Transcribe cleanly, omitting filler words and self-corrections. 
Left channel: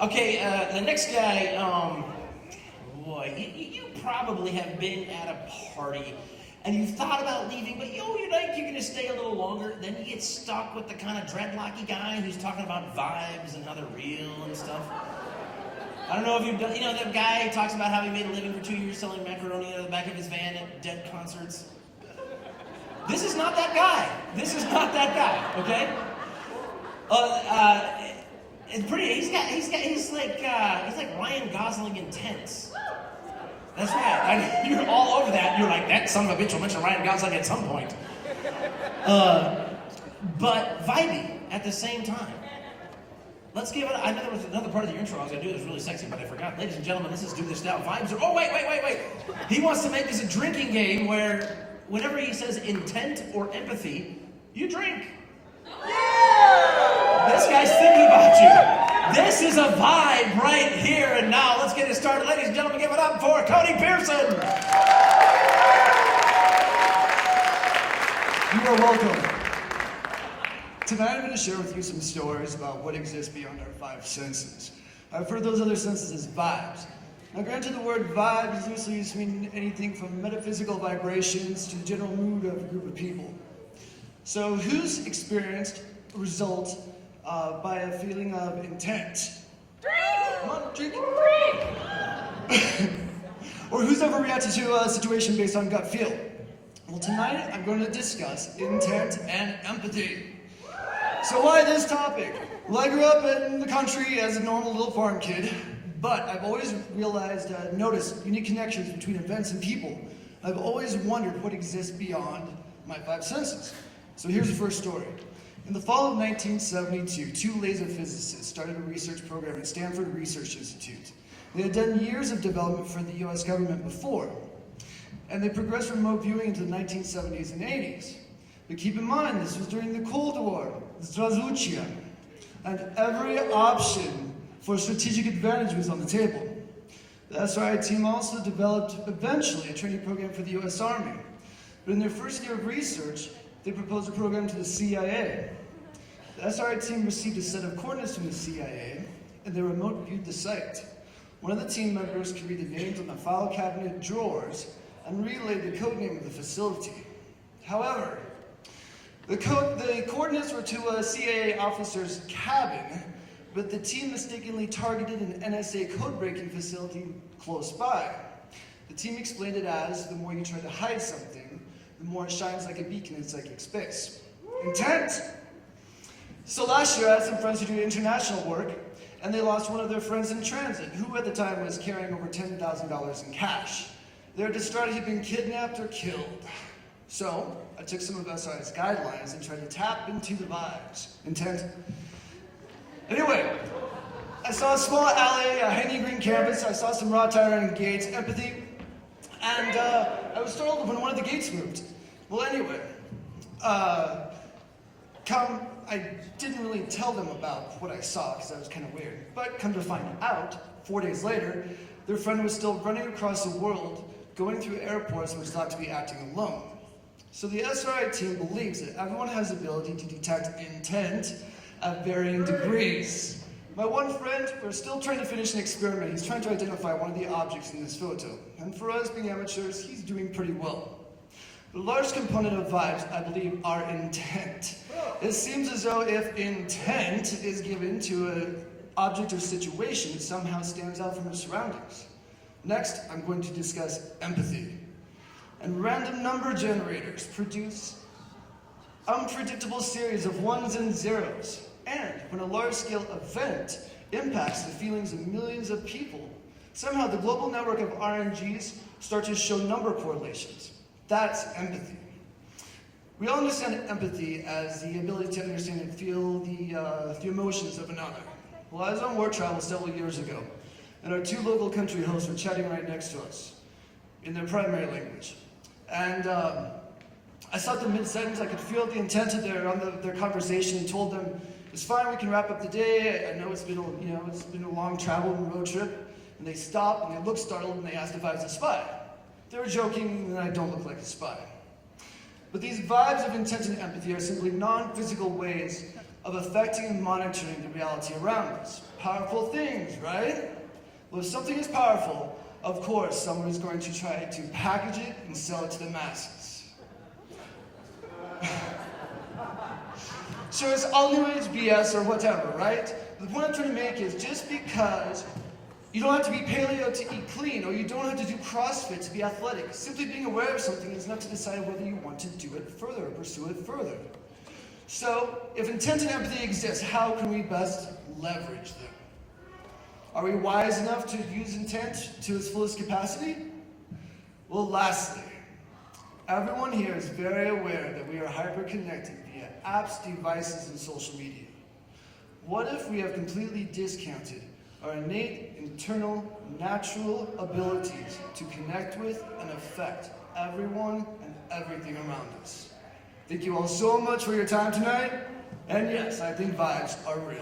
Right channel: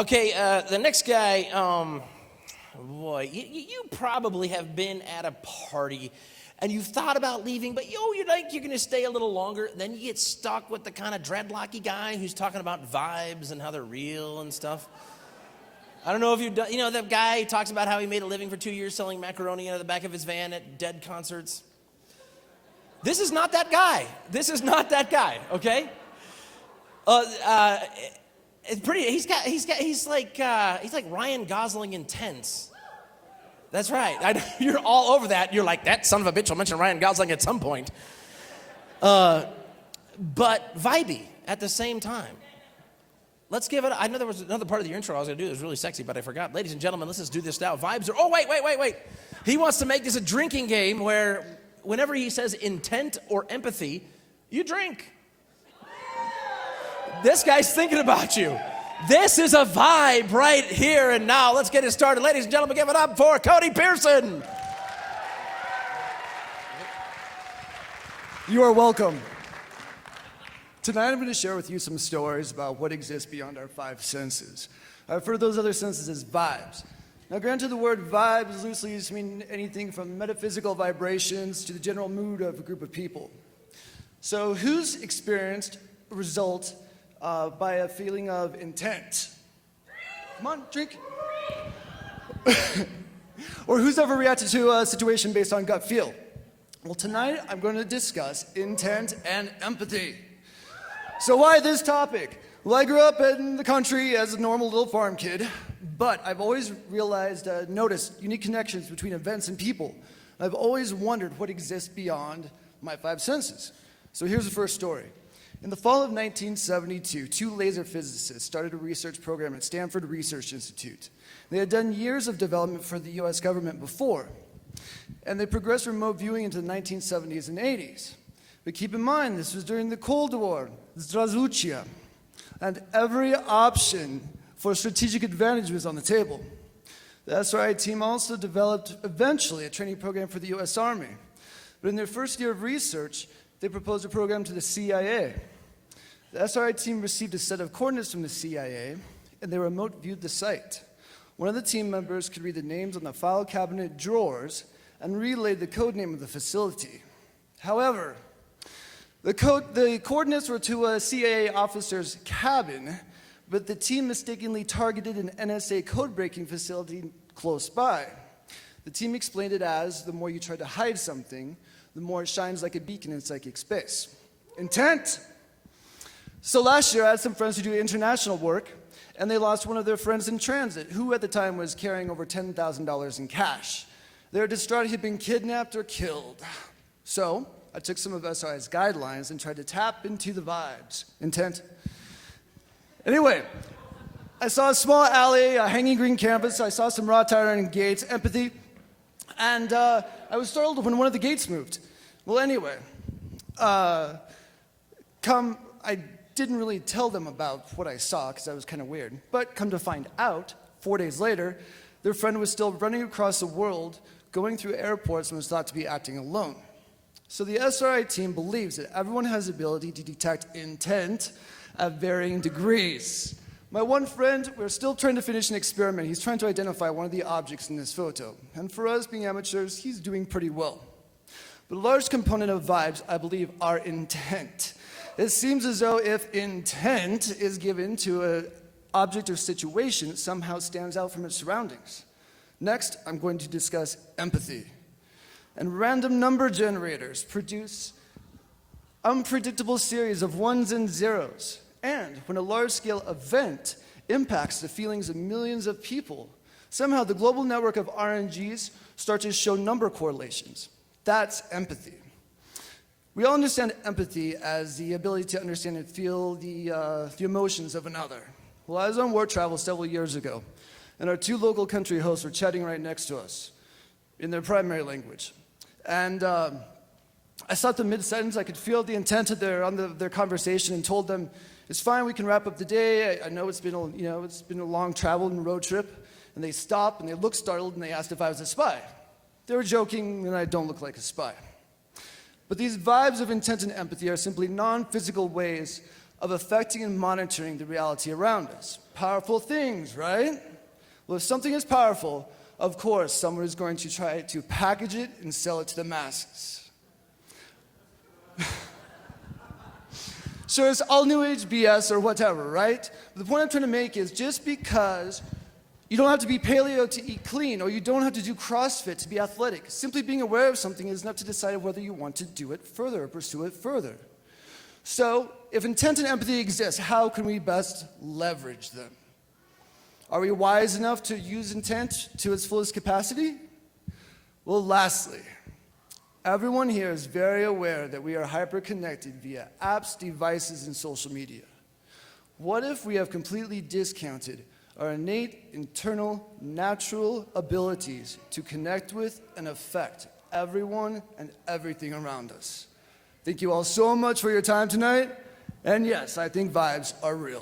Okay, the next guy, boy, you probably have been at a party and you've thought about leaving, but you're going to stay a little longer. Then you get stuck with the kind of dreadlocky guy who's talking about vibes and how they're real and stuff. I don't know if you've done, the guy talks about how he made a living for 2 years selling macaroni out of the back of his van at Dead concerts. This is not that guy. This is not that guy, okay? It's pretty. He's like Ryan Gosling intense. That's right. You're all over that. You're like, that son of a bitch will mention Ryan Gosling at some point. But vibey at the same time. Let's give it. I know there was another part of the intro I was going to do that was really sexy, but I forgot. Ladies and gentlemen, let's just do this now. Vibes are. Oh, wait. He wants to make this a drinking game where whenever he says intent or empathy, you drink. This guy's thinking about you. This is a vibe right here and now. Let's get it started. Ladies and gentlemen, give it up for Cody Pearson. You are welcome. Tonight I'm going to share with you some stories about what exists beyond our five senses. I've heard those other senses as vibes. Now granted, the word vibe is loosely used to mean anything from metaphysical vibrations to the general mood of a group of people. So who's experienced a result by a feeling of intent? Come on, drink. Or who's ever reacted to a situation based on gut feel? Well, tonight I'm going to discuss intent and empathy. So why this topic? Well, I grew up in the country as a normal little farm kid, but I've always noticed unique connections between events and people. I've always wondered what exists beyond my five senses. So here's the first story. In the fall of 1972, two laser physicists started a research program at Stanford Research Institute. They had done years of development for the US government before, and they progressed remote viewing into the 1970s and 80s. But keep in mind, this was during the Cold War, Zdravstvuyte, and every option for strategic advantage was on the table. The SRI team also developed, eventually, a training program for the US Army. But in their first year of research, they proposed a program to the CIA. The SRI team received a set of coordinates from the CIA, and they remote viewed the site. One of the team members could read the names on the file cabinet drawers and relayed the code name of the facility. However, the coordinates were to a CIA officer's cabin, but the team mistakenly targeted an NSA code-breaking facility close by. The team explained it as, the more you try to hide something, the more it shines like a beacon in psychic space. Intent! So last year I had some friends who do international work, and they lost one of their friends in transit, who at the time was carrying over $10,000 in cash. They were distraught he'd been kidnapped or killed. So I took some of SRI's guidelines and tried to tap into the vibes. Intent. Anyway, I saw a small alley, a hanging green canvas, I saw some wrought iron gates, empathy, and I was startled when one of the gates moved. Well, anyway, I didn't really tell them about what I saw because that was kind of weird. But come to find out, 4 days later, their friend was still running across the world, going through airports, and was thought to be acting alone. So the SRI team believes that everyone has the ability to detect intent at varying degrees. My one friend, we're still trying to finish an experiment. He's trying to identify one of the objects in this photo. And for us being amateurs, he's doing pretty well. But a large component of vibes, I believe, are intent. It seems as though if intent is given to an object or situation, it somehow stands out from its surroundings. Next, I'm going to discuss empathy. And random number generators produce unpredictable series of ones and zeros. And when a large-scale event impacts the feelings of millions of people, somehow the global network of RNGs start to show number correlations. That's empathy. We all understand empathy as the ability to understand and feel the emotions of another. Well, I was on work travel several years ago, and our two local country hosts were chatting right next to us in their primary language. And I stopped them mid-sentence. I could feel the intent of their conversation, and told them, "It's fine. We can wrap up the day. I know it's been a long travel and road trip." And they stopped and they looked startled and they asked if I was a spy. They were joking, and I don't look like a spy. But these vibes of intent and empathy are simply non-physical ways of affecting and monitoring the reality around us. Powerful things, right? Well, if something is powerful, of course, someone is going to try to package it and sell it to the masses. So it's all new age BS or whatever, right? The point I'm trying to make is just because you don't have to be paleo to eat clean, or you don't have to do CrossFit to be athletic. Simply being aware of something is enough to decide whether you want to do it further or pursue it further. So, if intent and empathy exist, how can we best leverage them? Are we wise enough to use intent to its fullest capacity? Well, lastly, everyone here is very aware that we are hyper-connected via apps, devices, and social media. What if we have completely discounted our innate, internal, natural abilities to connect with and affect everyone and everything around us? Thank you all so much for your time tonight. And yes, I think vibes are real.